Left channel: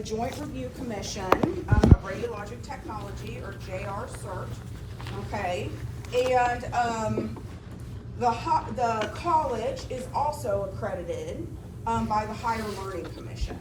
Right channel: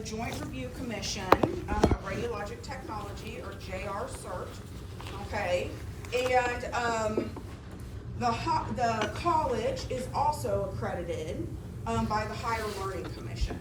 The Joint Review Commission of Radiologic Technology, or JR-CERT, okay, and the college is also accredited by the Higher Learning Commission,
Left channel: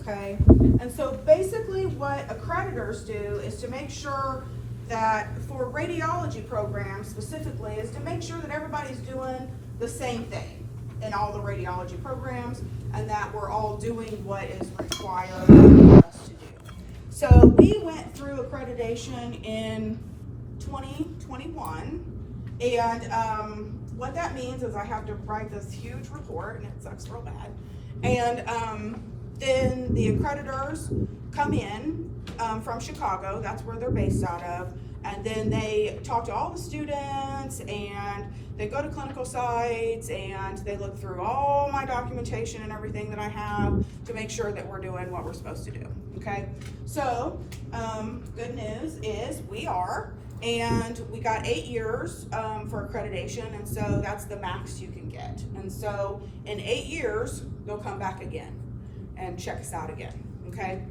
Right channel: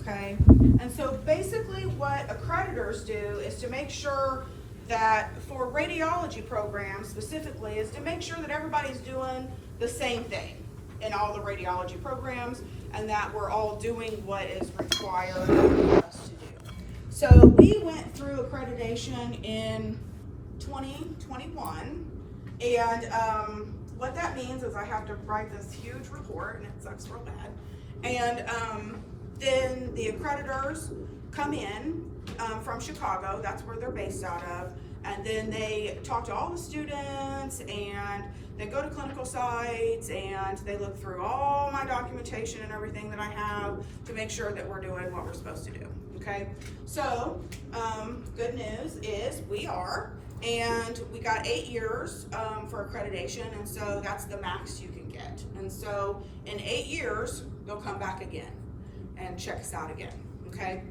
okay? And so basically what accreditors do is to make sure that for radiology programs specifically is to make sure that everybody's doing the same thing in all the radiology programs and that we're all doing what is required of us to do. So we went through accreditation in 2021, and what that means is I have to write this huge report, and it sucks real bad. And then the accreditors come in from Chicago, that's where they're based out of, and then they talk to all the students, and they go to clinical sites, and they look through all my documentation and everything that I have to make sure that we're doing what we're supposed to do, okay? So, good news is we are, and we got 8 years for accreditation, and so that's the max you can get. And so in 8 years, they'll come back again and check us out again, okay?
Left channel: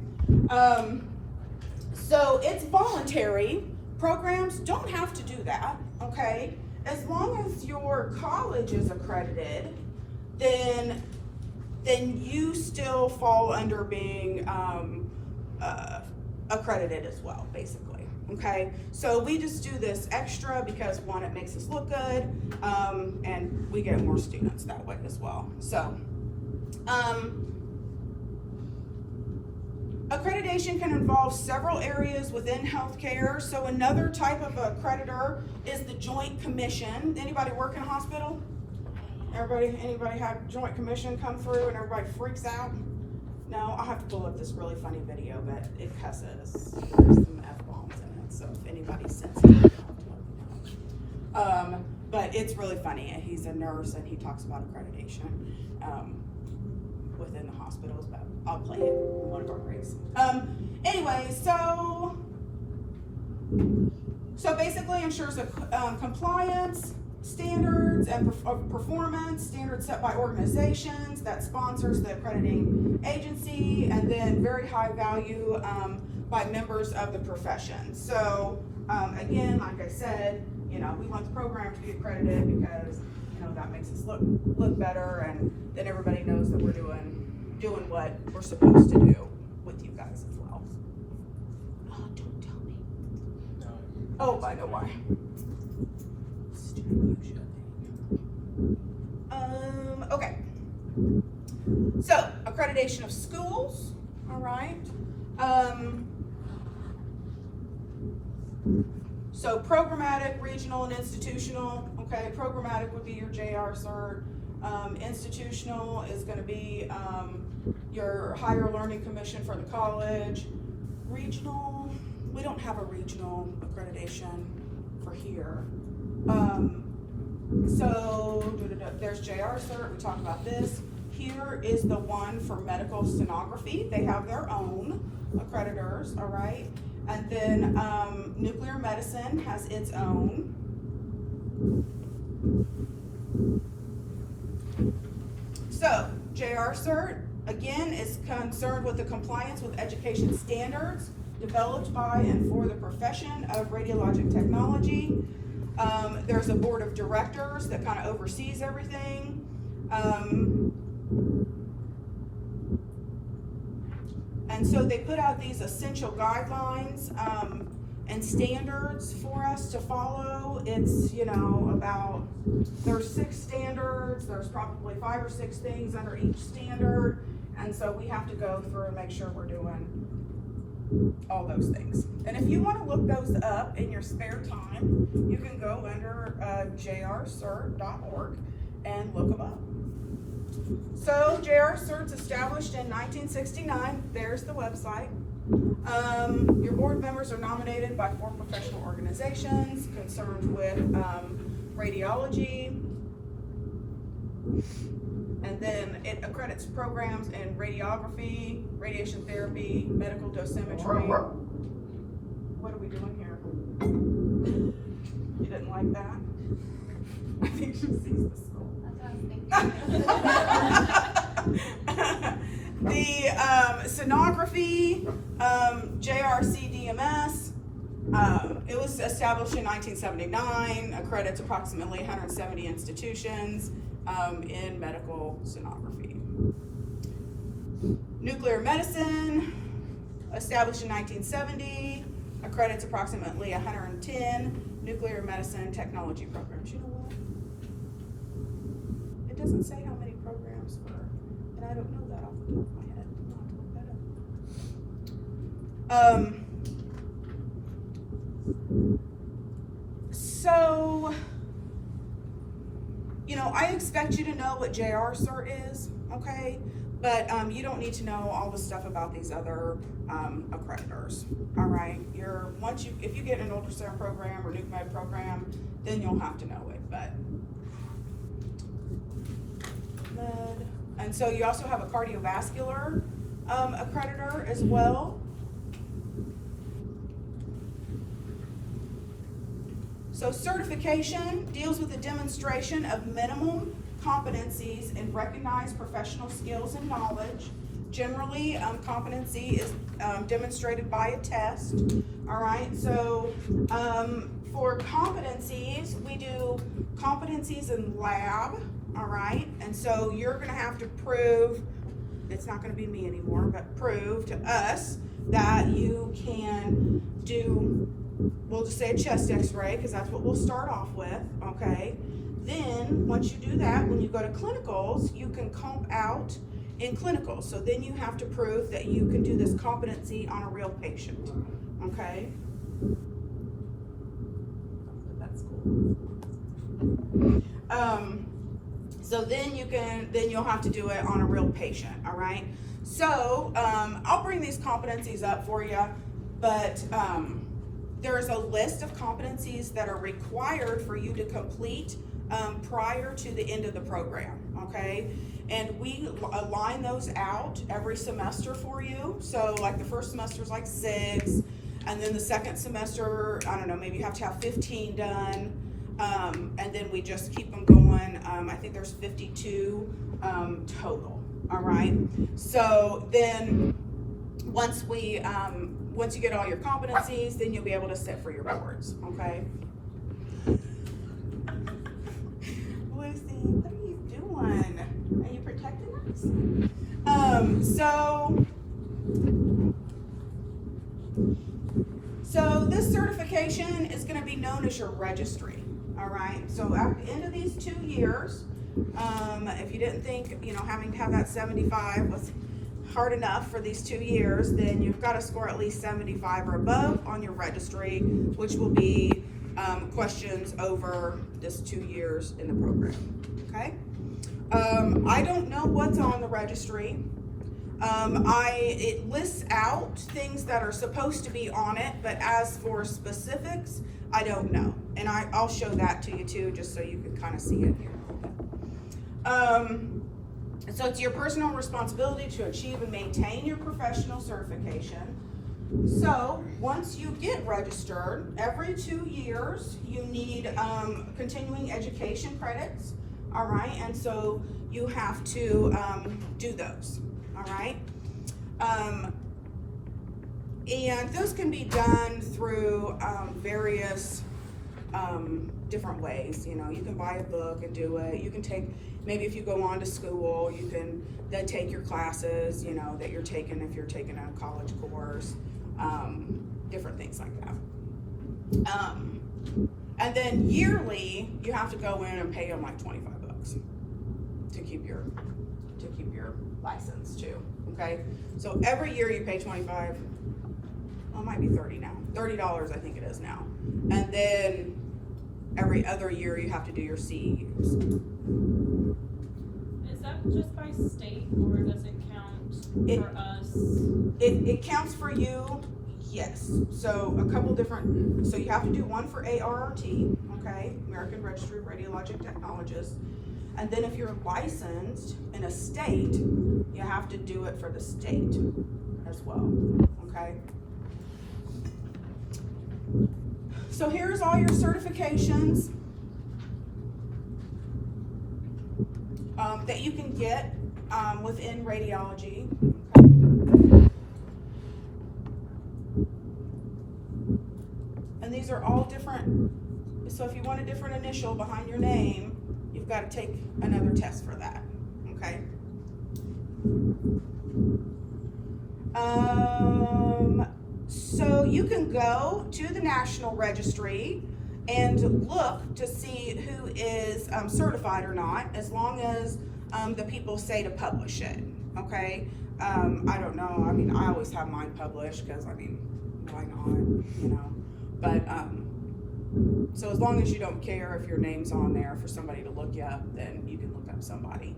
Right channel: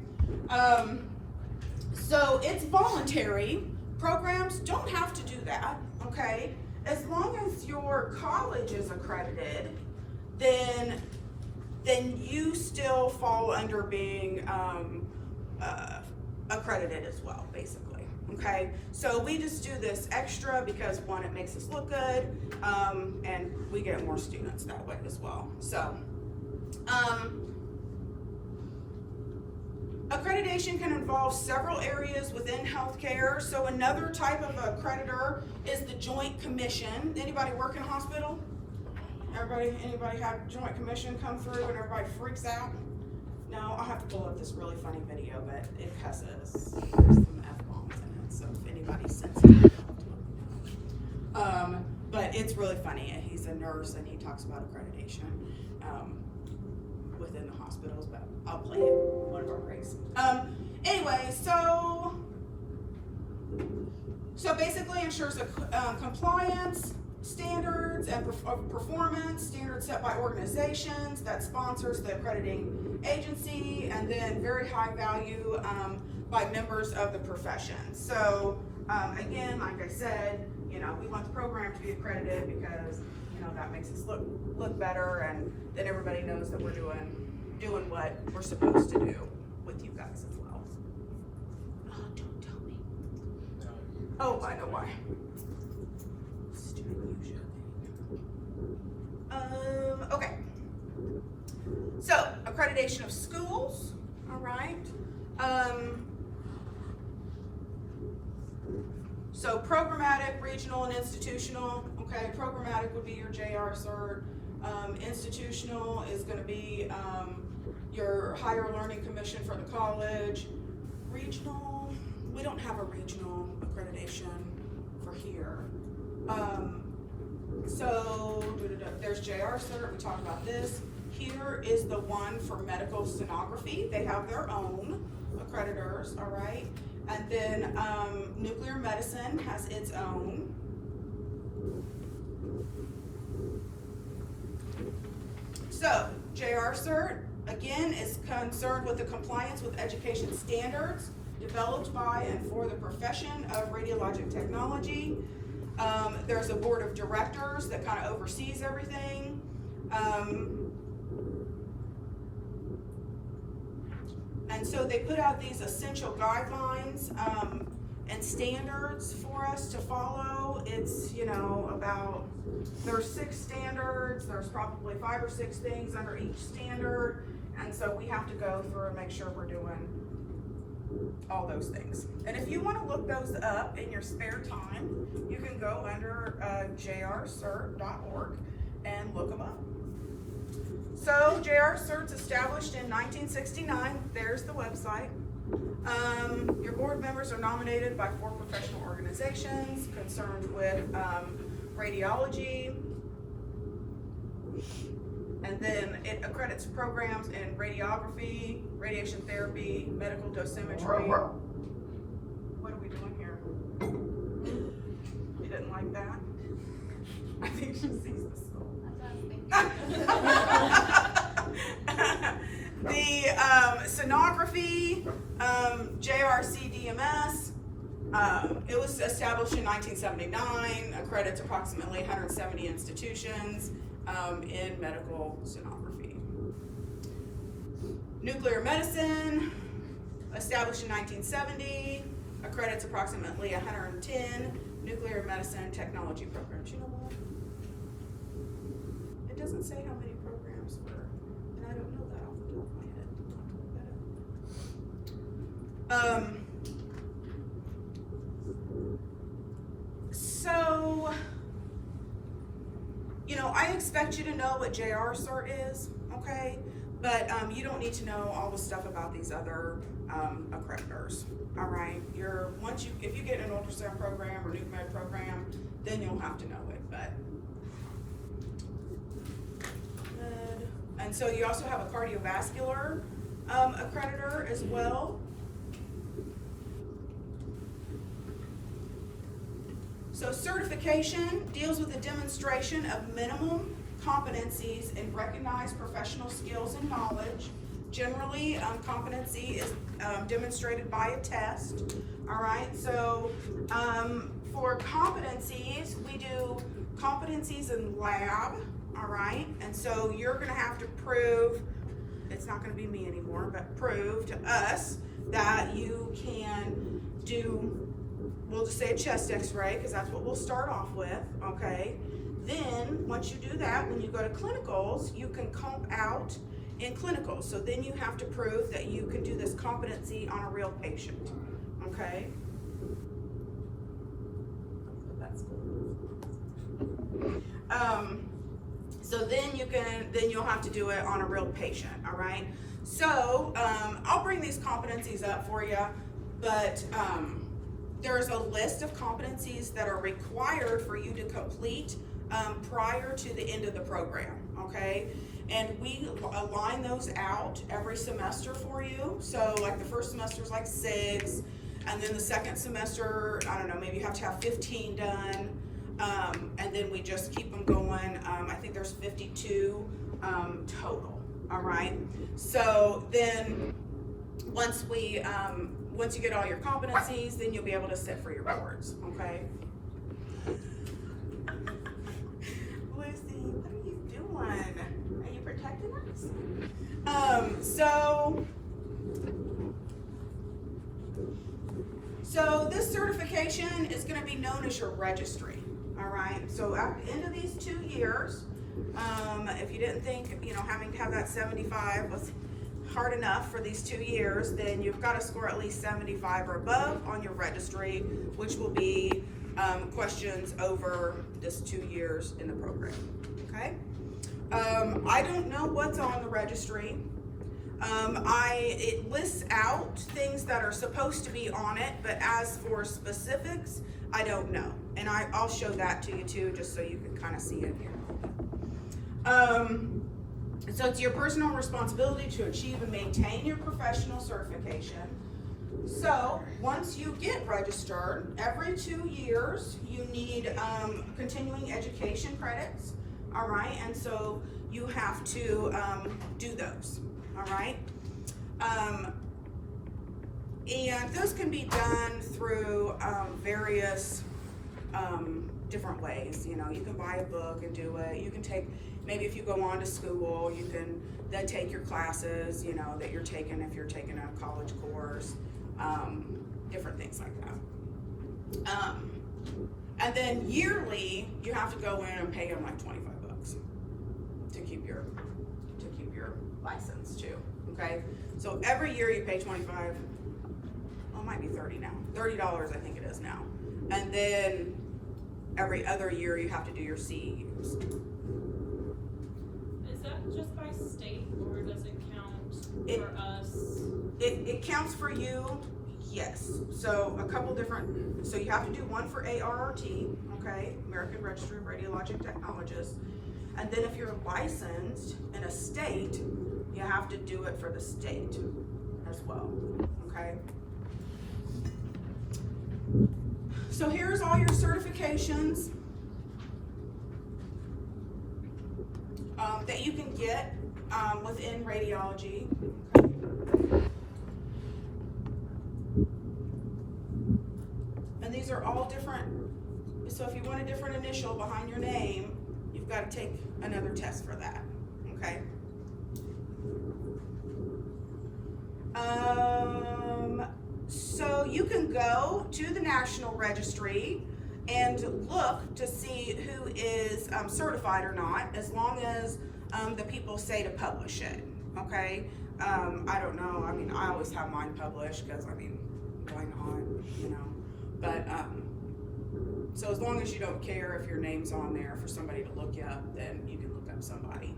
So it's voluntary. Programs don't have to do that, okay? As long as your college is accredited, then you still fall under being accredited as well, basically, okay? So we just do this extra because, one, it makes us look good, and we get more students that way as well. So, accreditation can involve several areas within healthcare. So another type of accreditor is the Joint Commission. Anybody work in a hospital? Anybody have Joint Commission come through and everybody freaks out? No, I'll have to pull up this really funny video, but it cusses. There's some F-bombs in it, so if anybody's sensitive, but it's really funny. He's a nurse and he talks about accreditation within the hospitals, but I'll play it in one of our breaks. Anyway, so basically ensures a compliance standards and performance standards set by organizations that sponsors the accrediting agency, and then very high value by members of the profession. So again, like I said, we want the program to be accredited because that makes us look better, and then everybody knows that we're doing what we're supposed to do with you guys as well. Don't tell me. Oh, I know why. Okay. So, accreditation of schools, all right. So programmatic, regional, and institutional. Okay, programmatic would be your JR-CERT. Institutional is going to be your Higher Learning Commission for the college. Regional, we don't have a regional accreditation for here. So there's JR-CERT, we talked about this. Here is the one for medical sonography. They have their own accreditors, all right? And then nuclear medicine has its own. So, JR-CERT, again, is concerned with the compliance with education standards developed by and for the profession of radiologic technology. There's a board of directors that kind of oversees everything. And so they put out these essential guidelines and standards for us to follow. It's, there's 6 standards, there's probably 5 or 6 things under each standard, and so we have to go through and make sure we're doing all those things. And if you want to look those up in your spare time, you can go under jrcert.org and look them up. So JR-CERT's established in 1969. There's the website. Your board members are nominated by 4 professional organizations concerned with radiology. And then it accredits programs in radiography, radiation therapy, medical dosimetry. What are we doing here? You didn't like that? I think she sees the skull. The sonography, JRC-DMS, it was established in 1979, accredits approximately 170 institutions in medical sonography. Nuclear medicine, established in 1970, accredits approximately 110 nuclear medicine technology programs. You know what? It doesn't say how many programs for, and I don't know that off the top of my head. I'll have to look that up. So, you know, I expect you to know what JR Cert is, okay? But you don't need to know all the stuff about these other accreditors, all right? If you get an ultrasound program or nuke med program, then you'll have to know it, but. And so you also have a cardiovascular accreditor as well. So certification deals with the demonstration of minimum competencies and recognized professional skills and knowledge. Generally, competency is demonstrated by a test. All right, so for competencies, we do competencies in lab. All right, and so you're going to have to prove, it's not going to be me anymore, but prove to us that you can do, we'll just say a chest x-ray, because that's what we'll start off with, okay? Then, once you do that, when you go to clinicals, you can comp out in clinicals. So then you have to prove that you can do this competency on a real patient, okay? That's cool. So then you'll have to do it on a real patient, all right? So I'll bring these competencies up for you, but there's a list of competencies that are required for you to complete prior to the end of the program, okay? And we align those out every semester for you. So like the first semester is like 6, and then the second semester, I don't know, maybe you have to have 15 done. And then we just keep them going. I think there's 52 total, all right? So then once you get all your competencies, then you'll be able to sit for your boards, okay? Lucy, what are you doing? Are you protecting us? So this certification is going to be known as your registry. All right, so at the end of these 2 years, if you didn't think, you know, having to have that 75 was hard enough for these 2 years, then you've got to score at least 75 or above on your registry, which will be questions over this 2 years in the program, okay? I don't know what's on the registry. It lists out things that are supposed to be on it, but as for specifics, I don't know. And I'll show that to you too, just so you can kind of see it. So it's your personal responsibility to achieve and maintain your professional certification. So once you get registered, every 2 years, you need continuing education credits, all right? And so you have to do those, all right? And those can be done through various different ways. You know, you can buy a book and do it. You can take, maybe if you go on to school, you can then take your classes, you know, that you're taking if you're taking a college course, different things like that. And then yearly, you have to go in and pay them like $25 to keep your license too. Okay, so every year you pay 25. Well, it might be 30 now. $30, I think it is now. And then every other year you have to do your CEUs. Is that just by state, or does it count for us? It counts for you, yes. So a couple different, so you have to do one for ARRT, okay, American Registry of Radiologic Technologists. And then if you're licensed in a state, you have to do it for the state as well, okay? So here's all your certifications that you can get within radiology, these are all different. So if you want a different initial behind your name, you've got to take another test for that, okay? So you can go to the National Registry and look to see who is certified or not, as long as the people say to publish it, okay? I don't know, I mean, I always have mine published, because, I mean, why not, you know? But, so as long as you don't care if your name's on there for somebody to look you up, then you can look up somebody.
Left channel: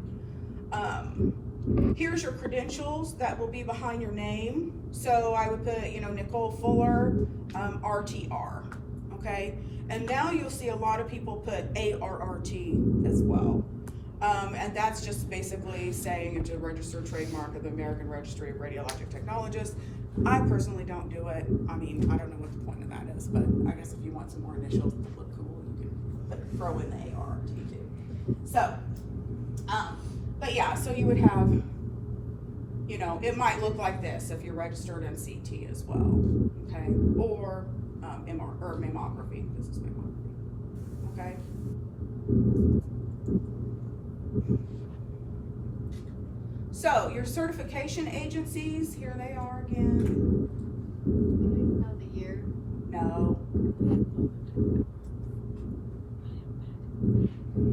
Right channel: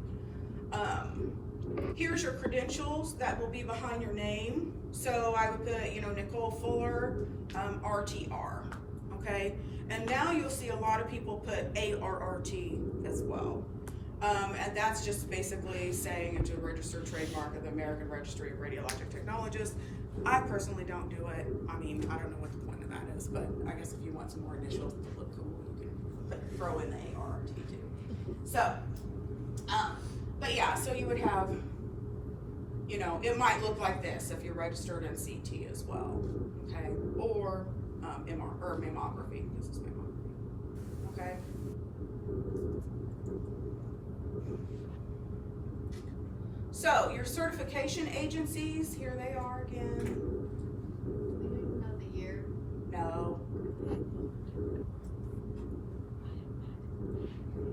Here's your credentials that will be behind your name. So I would put, you know, Nicole Fuller, RTR, okay? And now you'll see a lot of people put ARRT as well. And that's just basically saying it's a registered trademark of the American Registry of Radiologic Technologists. I personally don't do it. I mean, I don't know what the point of that is, but I guess if you want some more initials to look cool, you can throw in the ARRT too. So, but yeah, so you would have, you know, it might look like this if you're registered in CT as well, okay? Or MR, or mammography. This is mammography, okay? So your certification agencies, here they are again. Of the year. No.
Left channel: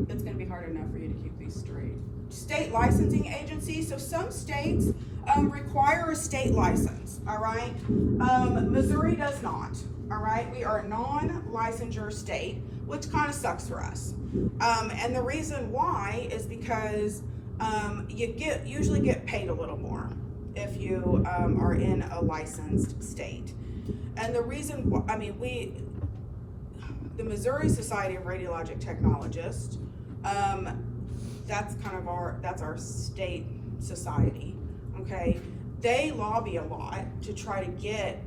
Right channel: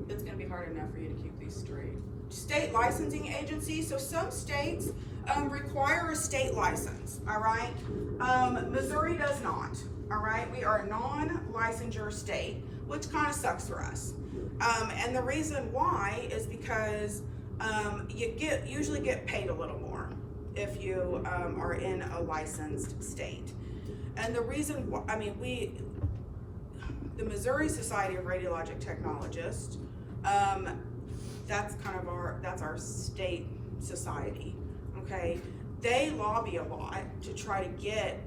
It's gonna be hard enough for you to keep these straight. State licensing agencies, so some states require a state license, all right? Missouri does not, all right? We are a non-licensure state, which kind of sucks for us. And the reason why is because you usually get paid a little more if you are in a licensed state. And the reason, I mean, the Missouri Society of Radiologic Technologists, that's kind of that's our state society, okay? They lobby a lot to try to get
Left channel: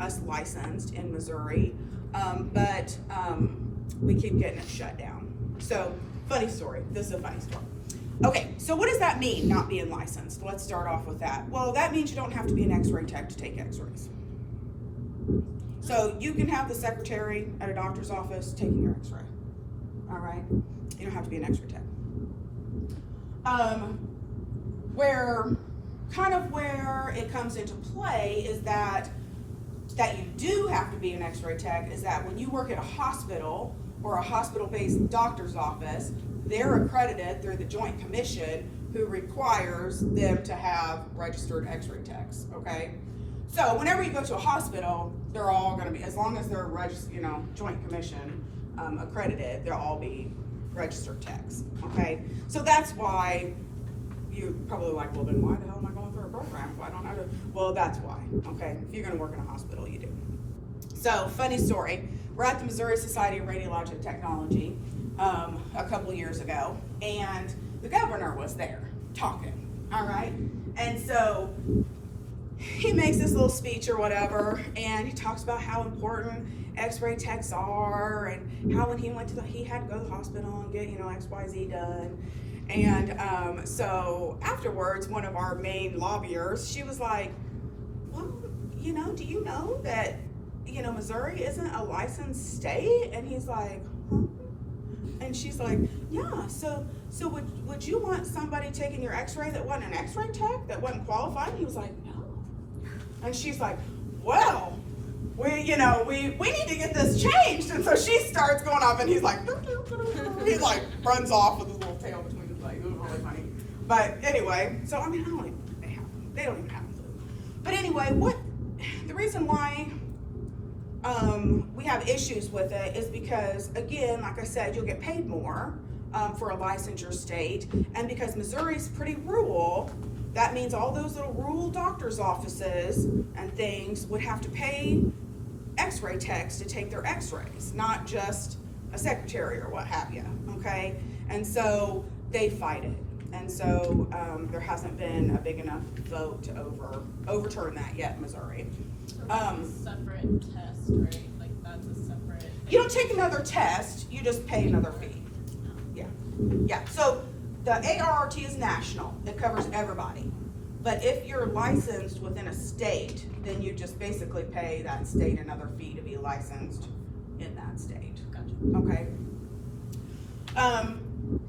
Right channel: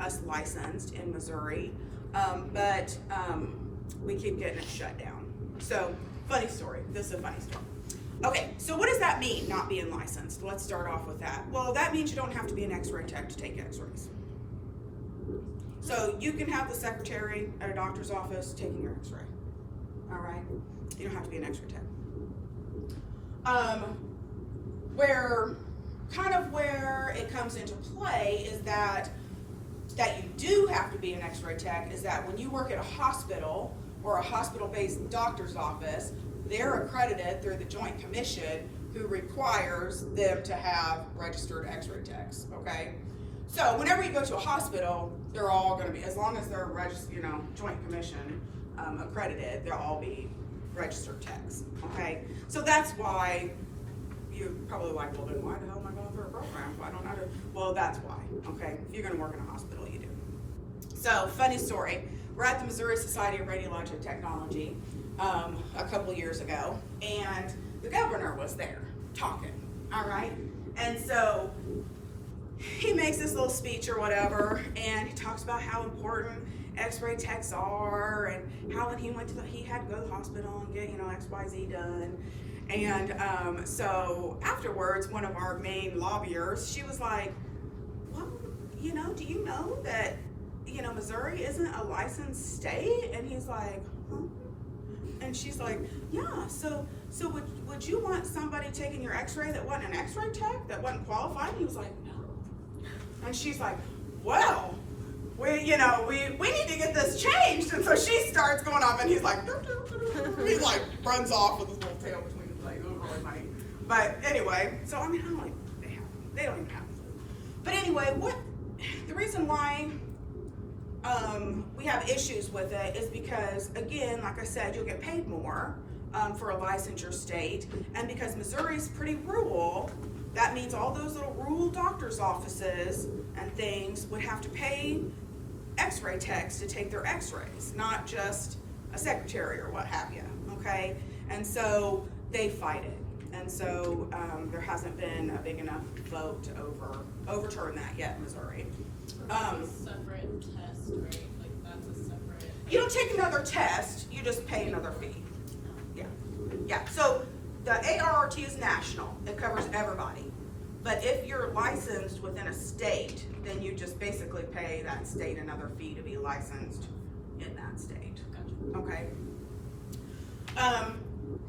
us licensed in Missouri, but we keep getting it shut down. So, funny story, this is a funny story. Okay, so what does that mean, not being licensed? Let's start off with that. Well, that means you don't have to be an x-ray tech to take x-rays. So you can have the secretary at a doctor's office taking your x-ray, all right? You don't have to be an x-ray tech. Where it comes into play is that you do have to be an x-ray tech is that when you work at a hospital or a hospital-based doctor's office, they're accredited through the Joint Commission who requires them to have registered x-ray techs, okay? So whenever you go to a hospital, they're all gonna be, as long as they're Joint Commission accredited, they'll all be registered techs, okay? So that's why you're probably like, well then why the hell am I going through a program if I don't know to, well that's why, okay? If you're gonna work in a hospital, you do. So, funny story, we're at the Missouri Society of Radiologic Technology a couple years ago, and the governor was there talking, all right? And so he makes this little speech or whatever, and he talks about how important x-ray techs are, and how when he went to he had to go to the hospital and get, XYZ done. And so afterwards, one of our main lobbyers, she was like, well, do you know that, Missouri isn't a licensed state? And he's like, huh? And she's like, yeah, so would you want somebody taking your x-ray that wasn't an x-ray tech, that wasn't qualified? And he was like, no. And she's like, well, we need to get this changed. And so she starts going off, and he's like, he like runs off with his little tail between his legs. It was really funny. But anyway, so I mean, they don't even have a clue. But anyway, the reason why we have issues with it is because, again, like I said, you'll get paid more for a licensure state, and because Missouri's pretty rural, that means all those little rural doctors' offices and things would have to pay x-ray techs to take their x-rays, not just a secretary or what have you, okay? And so they fight it. And so there hasn't been a big enough vote to overturn that yet in Missouri. Separate test, right? Like that's a separate. You don't take another test, you just pay another fee. Yeah, so the ARRT is national, it covers everybody. But if you're licensed within a state, then you just basically pay that state another fee to be licensed in that state, okay?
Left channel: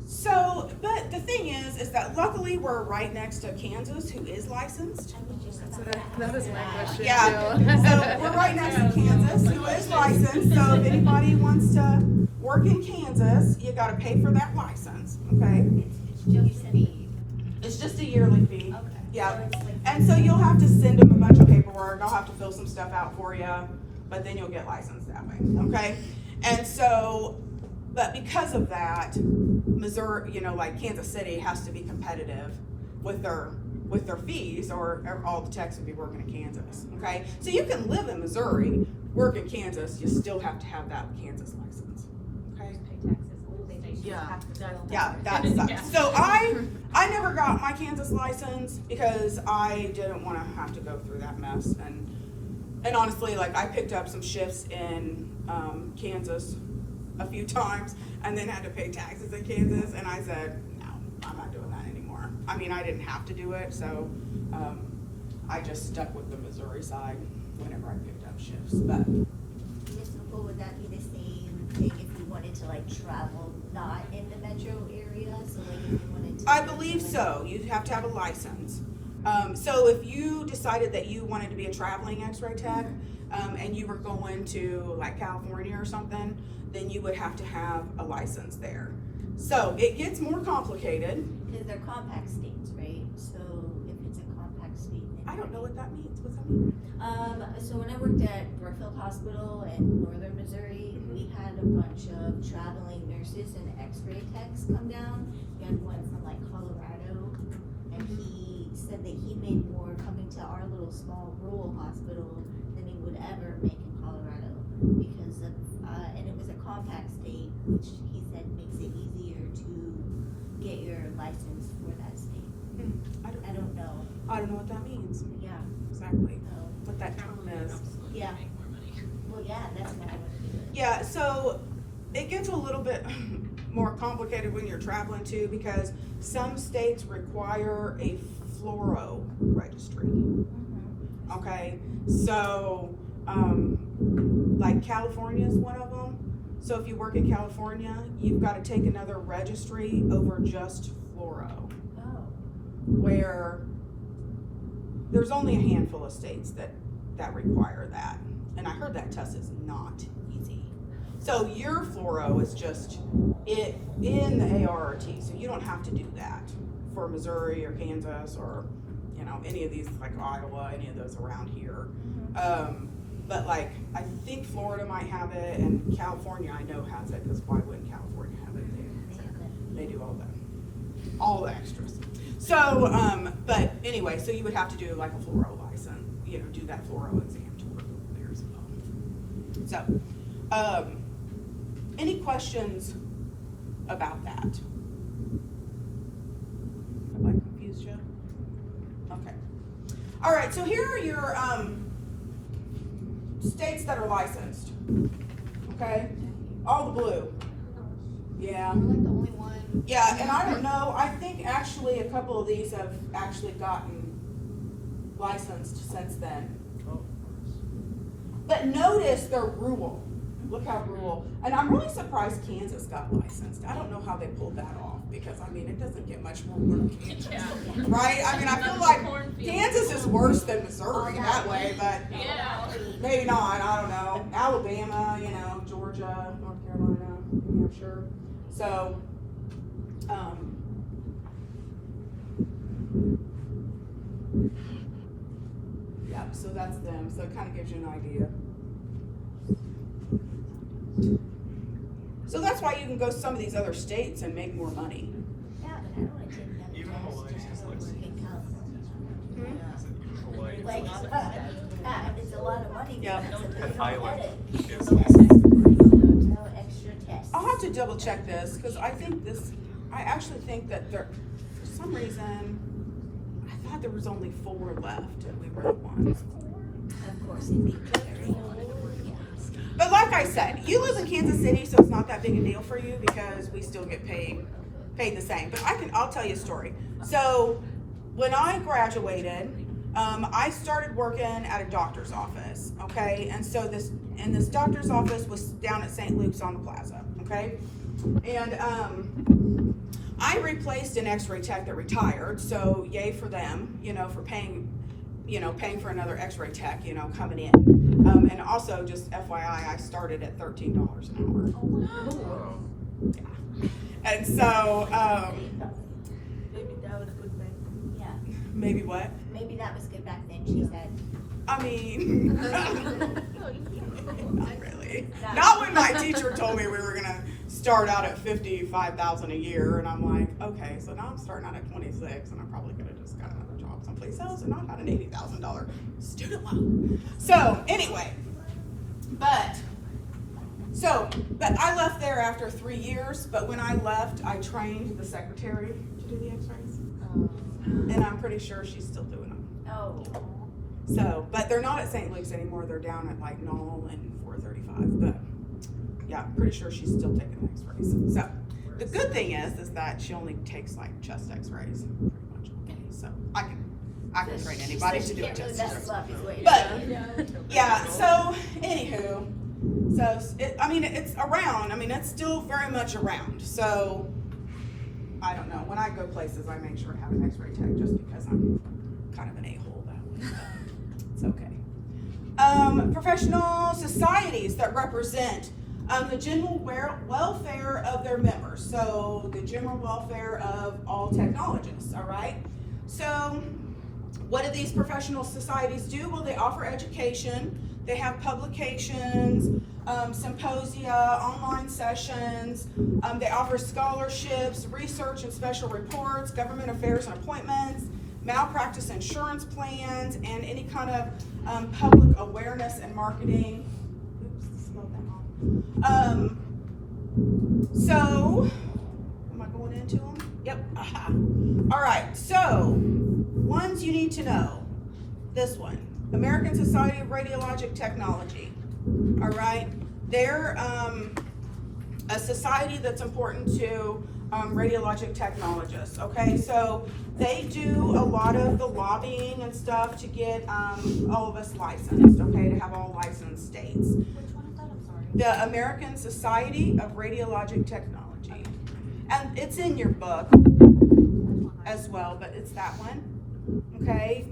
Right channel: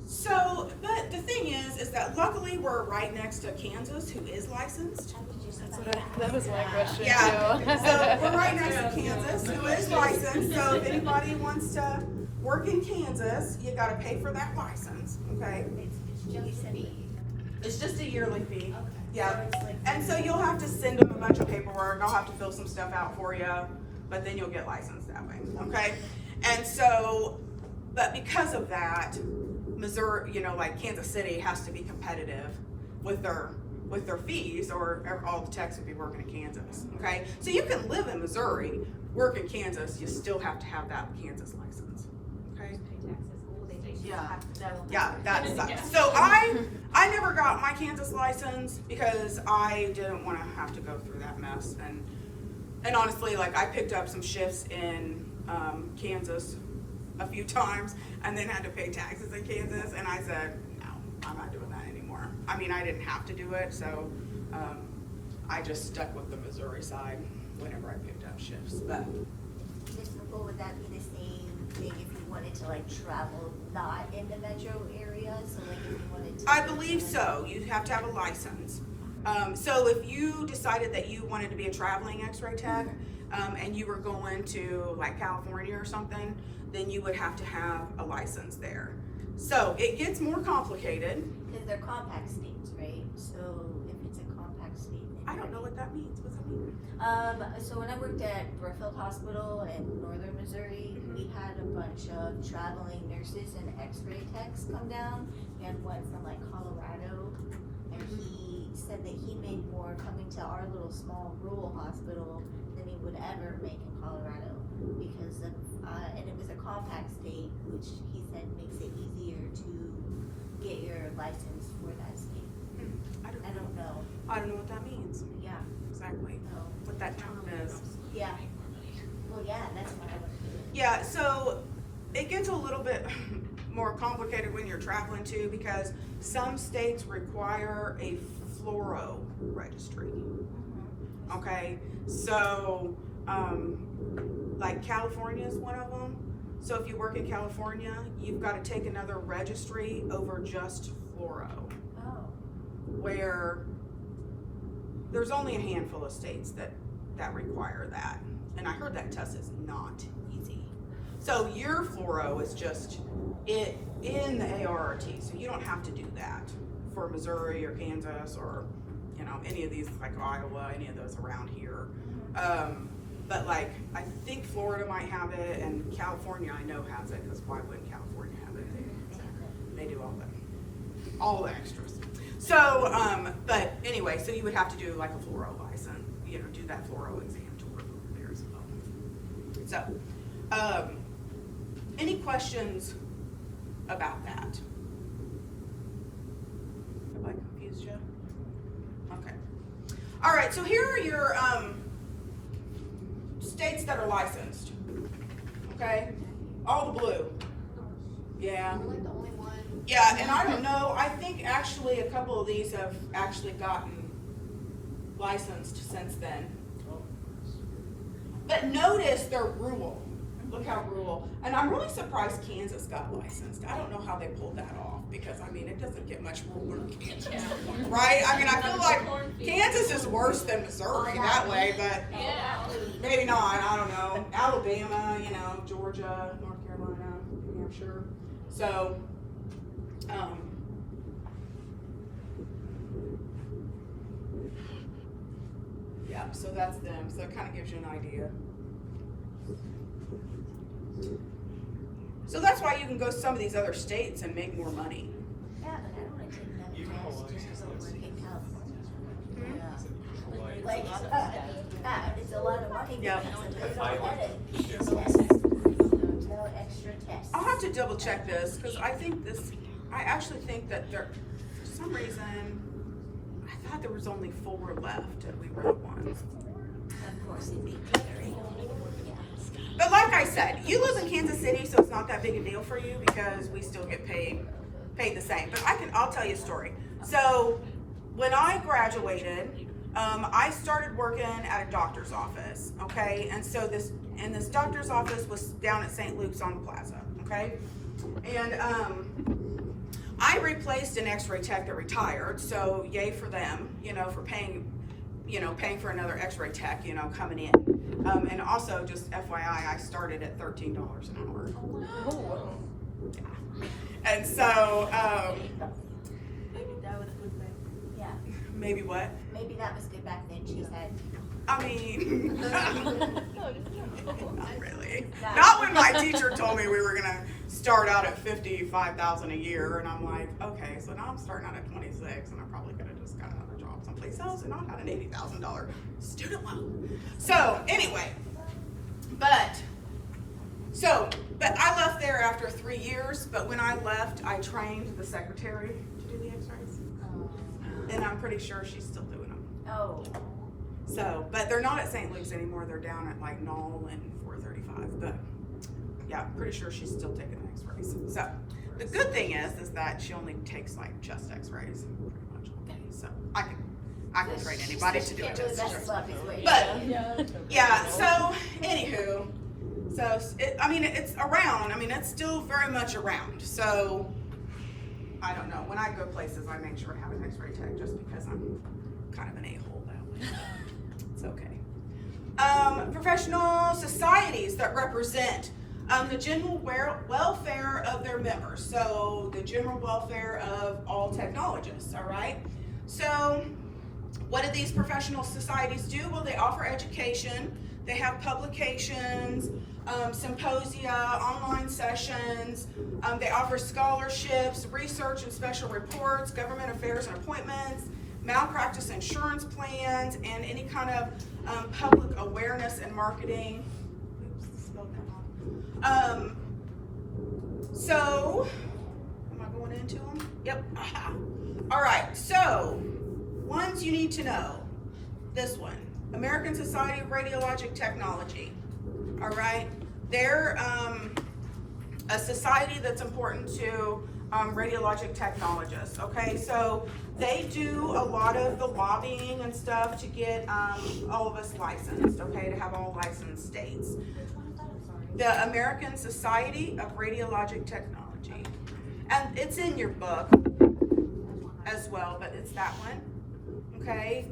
So, but the thing is that luckily we're right next to Kansas, who is licensed. That is my question. Yeah, so we're right next to Kansas, who is licensed, so if anybody wants to work in Kansas, you gotta pay for that license, okay? It's just a yearly fee, yeah. And so you'll have to send them a bunch of paperwork, I'll have to fill some stuff out for you, but then you'll get licensed that way, okay? And so, but because of that, Missouri, like Kansas City has to be competitive with their fees, or all the techs would be working in Kansas, okay? So you can live in Missouri, work in Kansas, you still have to have that Kansas license, okay? Yeah, that sucks. So I never got my Kansas license because I didn't want to have to go through that mess, and honestly, like, I picked up some shifts in Kansas a few times and then had to pay taxes in Kansas, and I said, no, I'm not doing that anymore. I mean, I didn't have to do it, so I just stuck with the Missouri side whenever I picked up shifts. But Ms. Nicole, would that be the same thing if you wanted to like travel not in the metro area? So like if you wanted to. I believe so. You have to have a license. So if you decided that you wanted to be a traveling X-ray tech, and you were going to like California or something, then you would have to have a license there. So it gets more complicated. Because they're compact states, right? So if it's a compact state. Then I don't know what that means. What's that mean? So when I worked at Brookfield Hospital in northern Missouri, we had a bunch of traveling nurses and X-ray techs come down. We had one from like Colorado, and he said that he made more coming to our little small rural hospital than he would ever make in Colorado because of, and it was a compact state, which he said makes it easier to get your license for that state. I don't know. I don't know what that means. Yeah. Exactly. No. What that term is. Yeah. Well, yeah, that's what I want to do. Yeah, so it gets a little bit more complicated when you're traveling too, because some states require a fluoro registry. Okay, so like California is one of them. So if you work in California, you've got to take another registry over just fluoro, Oh. where there's only a handful of states that require that. And I heard that test is not easy. So your fluoro is just it in the ARRT, so you don't have to do that for Missouri or Kansas or any of these like Iowa, any of those around here. But like I think Florida might have it, and California I know has it, because why wouldn't California have it? They do all the extras. So, but anyway, so you would have to do like a fluoro license, do that fluoro exam to work over there as well. So, any questions about that? Have I confused you? Okay. All right, so here are your states that are licensed. Okay? All the blue. Yeah. I'm the only one. Yeah, and I don't know, I think actually a couple of these have actually gotten licensed since then. But notice they're rural. Look how rural. And I'm really surprised Kansas got licensed. I don't know how they pulled that off, because I mean, it doesn't get much rural than Kansas. Right? I mean, I feel like Kansas is worse than Missouri that way, but Yeah. maybe not, I don't know. Alabama, Georgia, North Carolina, New Hampshire. So, yeah, so that's them. So it kind of gives you an idea. So that's why you can go to some of these other states and make more money. Yeah, but I don't want to take that Even test Hawaii just is to like work in California. Hawaii. Like, it's a lot of money. Yeah. Because of And the Iowa. headache. It's No extra tests. I'll have to double check this, because I actually think that for some reason, I thought there was only 4 left and we were at 1. Of course, it'd be very. Yeah. But like I said, you live in Kansas City, so it's not that big a deal for you, because we still get paid the same. But I'll tell you a story. So when I graduated, I started working at a doctor's office, okay? And so this doctor's office was down at St. Luke's on the plaza, okay? And I replaced an x-ray tech that retired, so yay for them, for paying for another x-ray tech, coming in. And also, just FYI, I started at $13 an hour. Oh. And so, Maybe that was good back. Yeah, maybe what? maybe that was good back then, she said. I mean, not really. Not when my teacher told me we were gonna start out at $55,000 a year, and I'm like, okay, so now I'm starting out at 26, and I probably could have just got another job someplace else and not had an $80,000 student loan. So anyway, but I left there after 3 years. But when I left, I trained the secretary to do the X-rays, and I'm pretty sure she's still doing them. Oh, So, but they're not at St. Luke's anymore. They're down at like Knoll and 435. But yeah, pretty sure she's still taking X-rays. So the good thing is that she only takes like chest X-rays, pretty much. Okay, so I can train anybody to do a chest X-ray. But yeah, so anywho, it's around. I mean, it's still very much around. So I don't know. When I go places, I make sure I have an X-ray tech just because I'm kind of an a-hole that way. It's okay. Professional societies that represent the general welfare of their members. So the general welfare of all technologists, all right? So what do these professional societies do? Well, they offer education. They have publications, symposia, online sessions. They offer scholarships, research and special reports, government affairs and appointments, malpractice insurance plans, and any kind of public awareness and marketing. Oops, spelled that wrong. So, am I going into them? Yep. Aha. All right. So, ones you need to know. This one, American Society of Radiologic Technology. All right. They're a society that's important to radiologic technologists. Okay, so they do a lot of the lobbying and stuff to get all of us licensed. Okay, to have all licensed states. The American Society of Radiologic Technology, and it's in your book as well, but it's that one. Okay.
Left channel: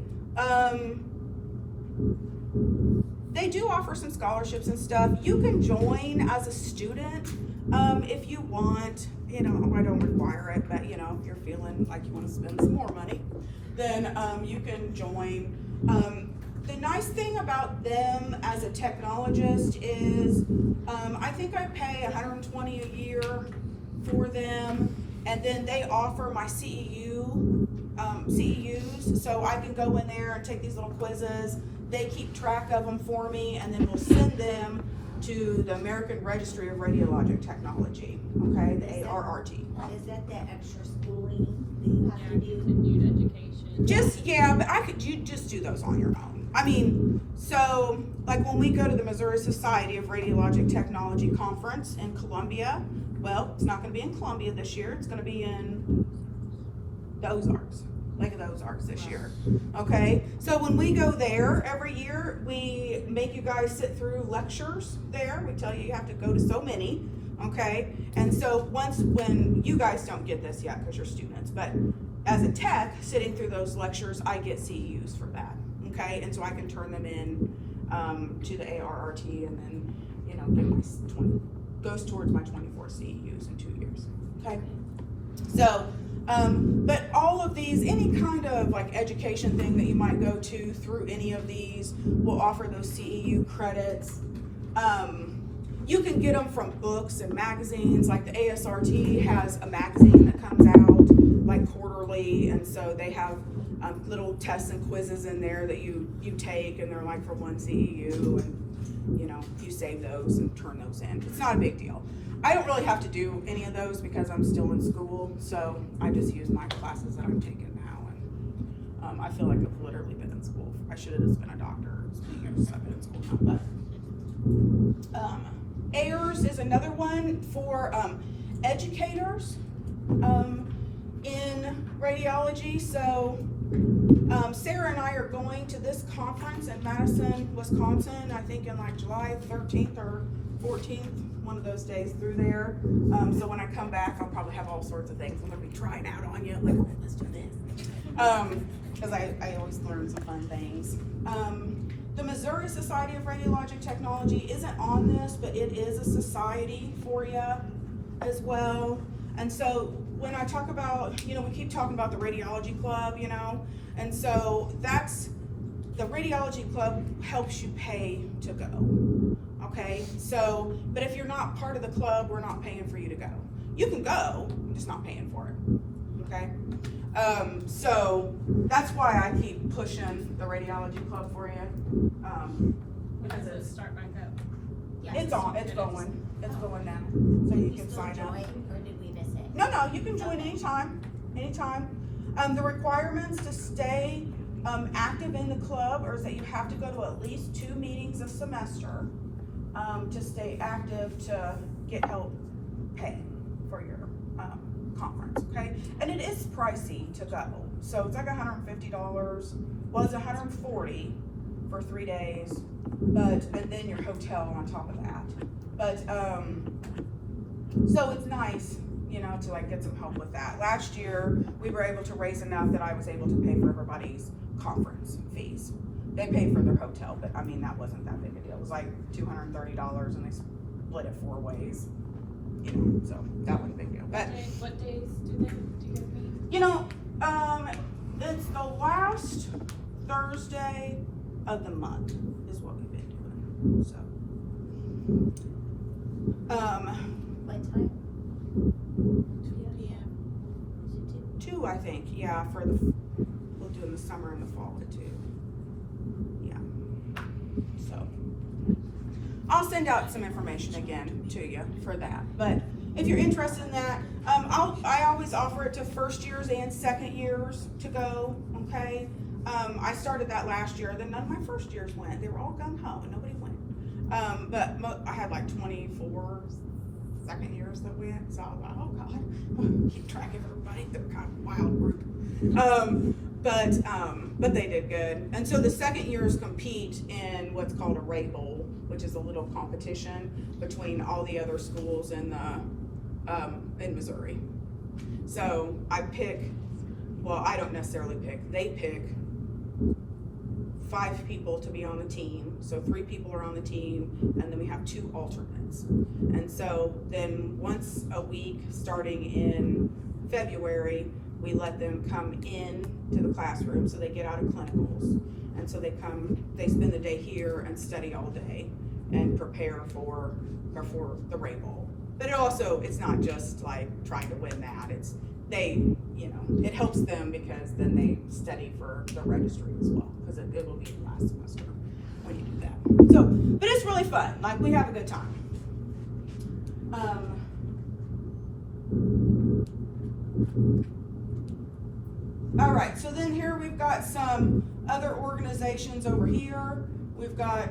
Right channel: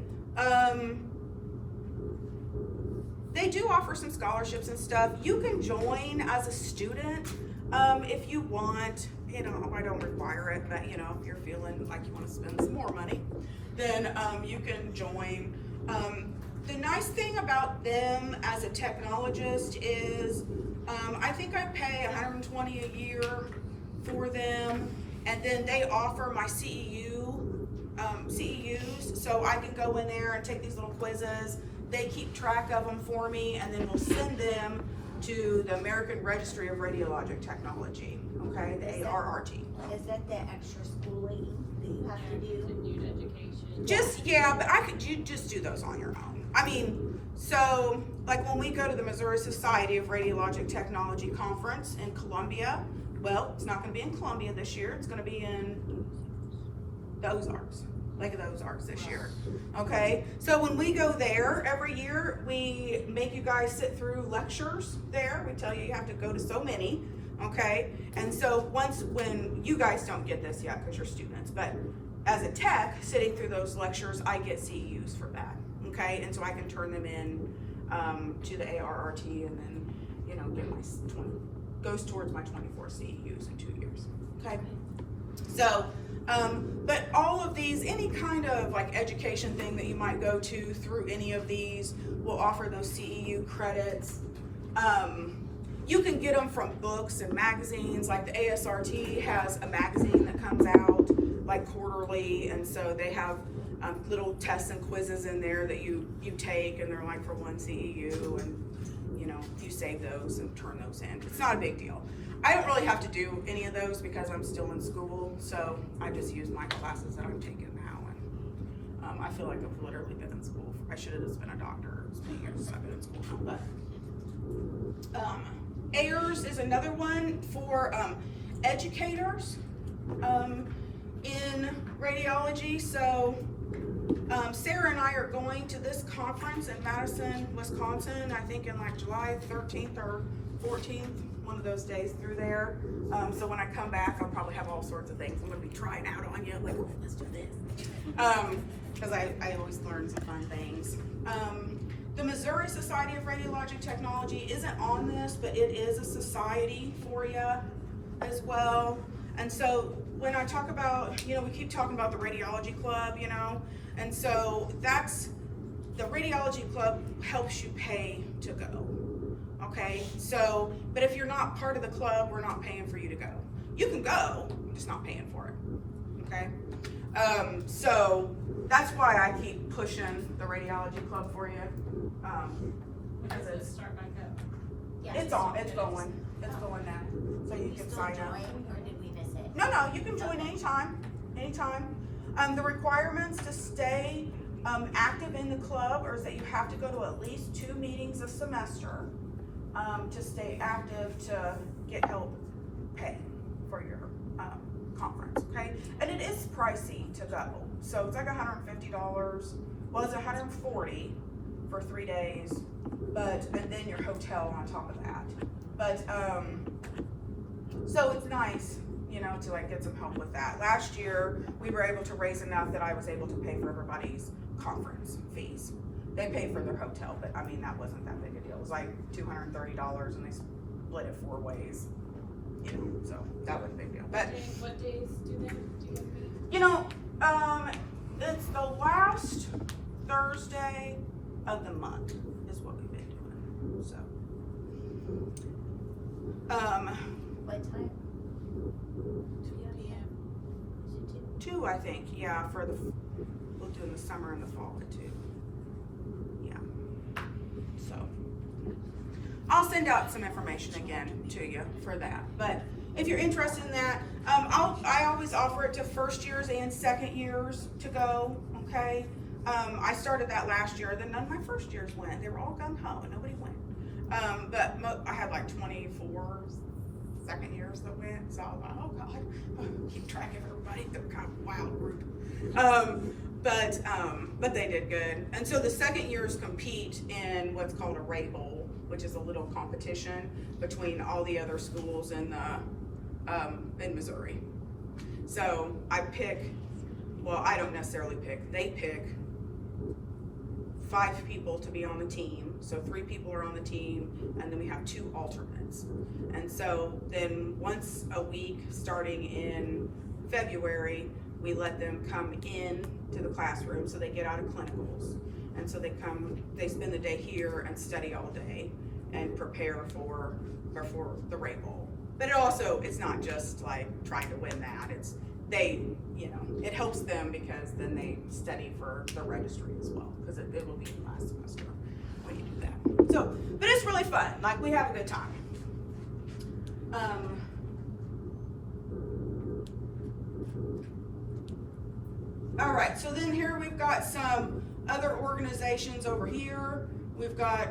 They do offer some scholarships and stuff. You can join as a student if you want. I don't require it, but if you're feeling like you want to spend some more money, then you can join. The nice thing about them as a technologist is I think I pay $120 a year for them, and then they offer my CEUs, so I can go in there and take these little quizzes. They keep track of them for me, and then we'll send them to the American Registry of Radiologic Technology, okay, the ARRT. is that the extra schooling that you have to do? Education. But you just do those on your own. I mean, so like when we go to the Missouri Society of Radiologic Technology conference in Columbia, well, it's not going to be in Columbia this year. It's going to be in the Ozarks. Lake of the Ozarks this year. Okay, so when we go there every year, we make you guys sit through lectures there. We tell you have to go to so many. Okay, and so when you guys don't get this yet because you're students, but as a tech sitting through those lectures, I get CEUs for that. Okay, and so I can turn them in to the ARRT, and then get my goes towards my 24 CEUs in 2 years. Okay, so. But all of these, any kind of like education thing that you might go to through any of these will offer those CEU credits. You can get them from books and magazines, like the ASRT has a magazine that comes out like quarterly, and so they have little tests and quizzes in there that you take, and they're like for 1 CEU, and you save those and turn those in. It's not a big deal. I don't really have to do any of those because I'm still in school, so I just use my classes that I'm taking now, and I feel like I've literally been in school. I should have just been a doctor. It's been years since I've been in school now, but AIRS is another one for educators in radiology. So Sarah and I are going to this conference in Madison, Wisconsin, I think in like July 13th or 14th, one of those days through there. So when I come back, I'll probably have all sorts of things I'm gonna be trying out on you, like, okay, let's do this. Cause I always learn some fun things. The Missouri Society of Radiologic Technology isn't on this, but it is a society for you as well. And so when I talk about, we keep talking about the radiology club, and so that's, the radiology club helps you pay to go, okay? So, but if you're not part of the club, we're not paying for you to go. You can go, I'm just not paying for it, okay? So that's why I keep pushing the radiology club for you. When Because does it start back up? Yeah. it's going now, so you You can still sign up. join, or did we miss it? No, you can join anytime. The requirements to stay active in the club is that you have to go to at least 2 meetings a semester to stay active to get help pay for your conference, okay? And it is pricey to go. So it's like $150. Well, it's $140 for 3 days, and then your hotel on top of that. But, so it's nice, to like get some help with that. Last year, we were able to raise enough that I was able to pay for everybody's conference fees. They paid for their hotel, but I mean, that wasn't that big a deal. It was like $230 and they split it 4 ways, so that wasn't a big deal. But, What days do you get paid? it's the last Thursday of the month is what we've been doing, so. What time? 2 p.m. 2, I think, yeah, we'll do in the summer and the fall at 2. Yeah. So, I'll send out some information again to you for that. But if you're interested in that, I always offer it to first years and second years to go, okay? I started that last year, then none of my first years went. They were all gung ho, nobody went. But I had like 24 second years that went, so I was like, oh God, keep track of everybody. They were kind of a wild group. But they did good. And so the second years compete in what's called a Ray Bowl, which is a little competition between all the other schools in Missouri. So I don't necessarily pick, they pick 5 people to be on the team. So 3 people are on the team, and then we have 2 alternates. And so then once a week, starting in February, we let them come in to the classroom, so they get out of clinicals. And so they spend the day here and study all day and prepare for the Ray Bowl. But it's not just like trying to win that. It helps them because then they study for the registry as well, because it will be the last semester when you do that. So, but it's really fun. Like, we have a good time. All right, so then here we've got some other organizations over here. We've got,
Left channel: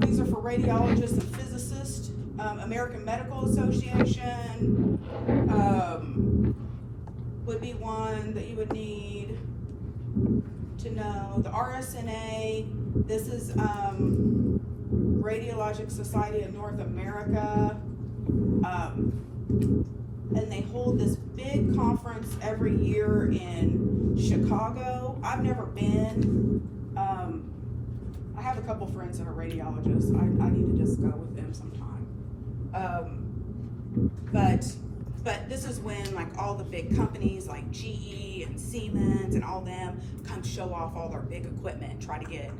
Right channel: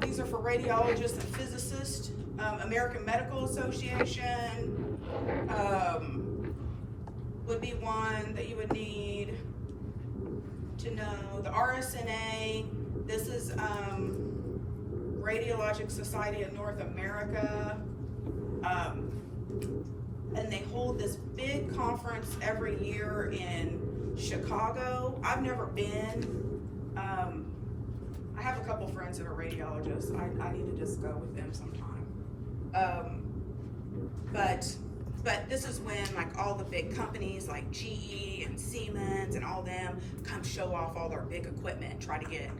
these are for radiologists and physicists, American Medical Association, would be one that you would need to know. The RSNA, this is Radiologic Society of North America, and they hold this big conference every year in Chicago. I've never been. I have a couple friends that are radiologists. I need to just go with them sometime. But this is when like all the big companies like GE and Siemens and all them come show off all their big equipment and try to get,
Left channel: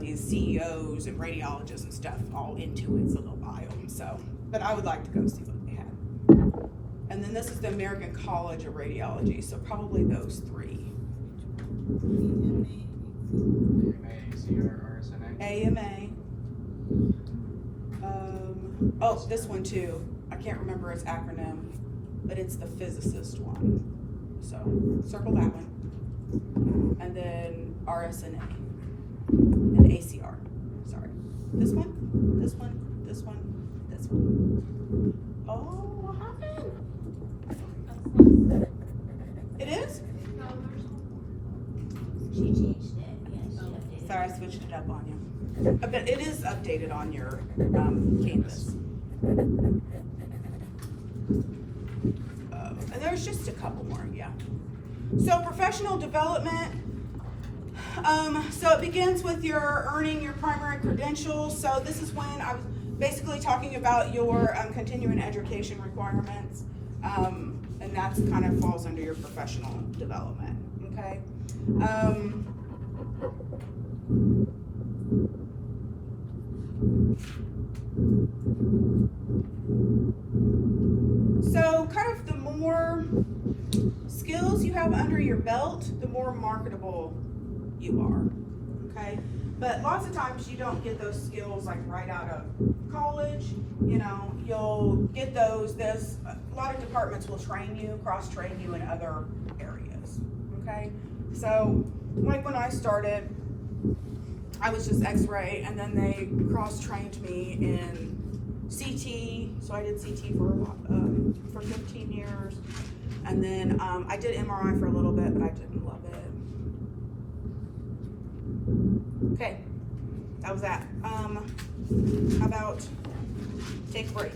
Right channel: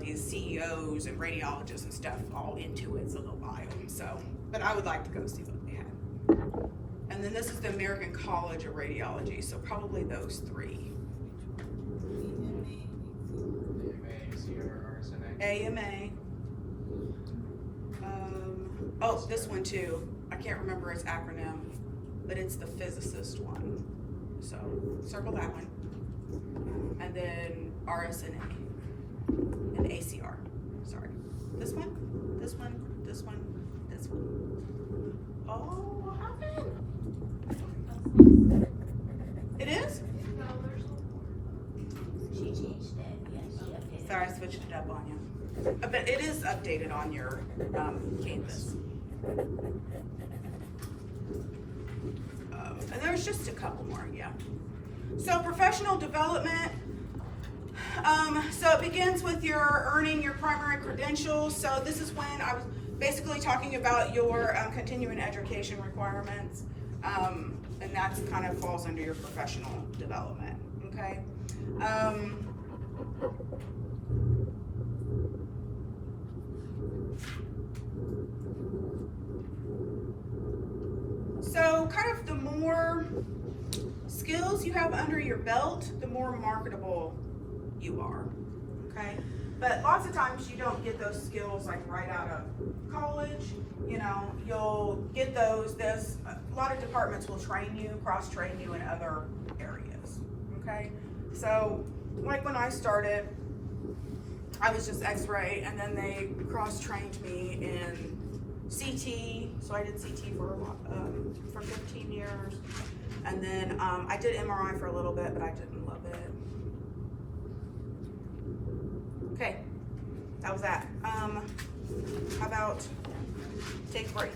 these CEOs and radiologists and stuff all into its little bio. So, but I would like to go see what they had. And then this is the American College of Radiology, so probably those 3. AMA. This one too. I can't remember its acronym, but it's the physicist one. So circle that one. And then RSNA and ACR. Sorry. This one, this one, this one, this one. Oh, what happened? It is? She changed switched it up on you. But it is updated on your, Canvas. And there's just a couple more, yeah. So professional development, so it begins with your earning your primary credentials. So this is when I was basically talking about your continuing education requirements. And that's kind of falls under your professional development, okay? So kind of the more skills you have under your belt, the more marketable you are, okay? But lots of times you don't get those skills like right out of college. You know, you'll get those, a lot of departments will train you, cross-train you in other areas, okay? So, like when I started, I was just x-ray, and then they cross-trained me in CT, so I did CT for 15 years, and then I did MRI for a little bit, but I didn't love it. Okay, that was that. How about take a break?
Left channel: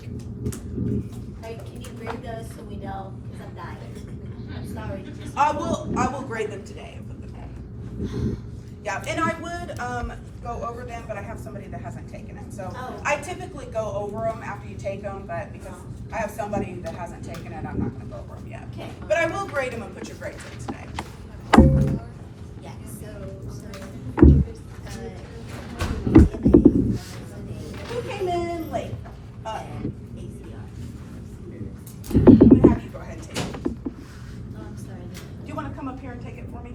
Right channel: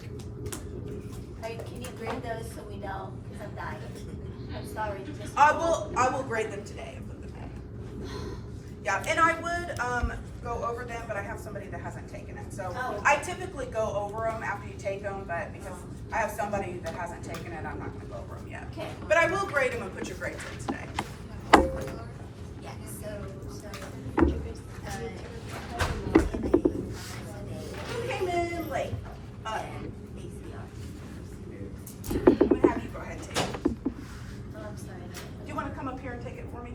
Alright, can you grade those so we know, because I'm dying. I'm sorry. Just I will grade them today. Yeah, and I would go over them, but I have somebody that hasn't taken it. So Oh. I typically go over them after you take them, but because I have somebody that hasn't taken it, I'm not going to go over them yet. Okay. But I will grade them and put your grades in today. Yeah, so, Who came in late? I'm ACR. going to have you go ahead and take it. Oh, I'm sorry. Do you want to come up here and take it for me?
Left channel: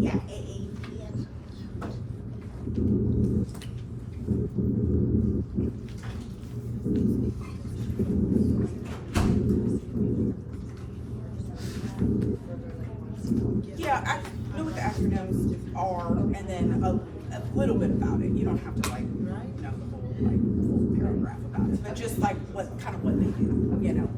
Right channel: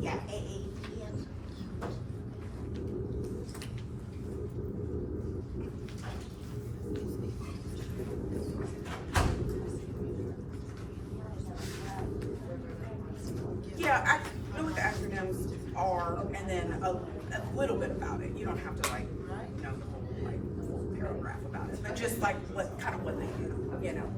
Yeah, AAPM. Yeah, I know what the acronyms are, and then a little bit about it. You don't have to like know the whole full paragraph about it, but just like what they do, you know.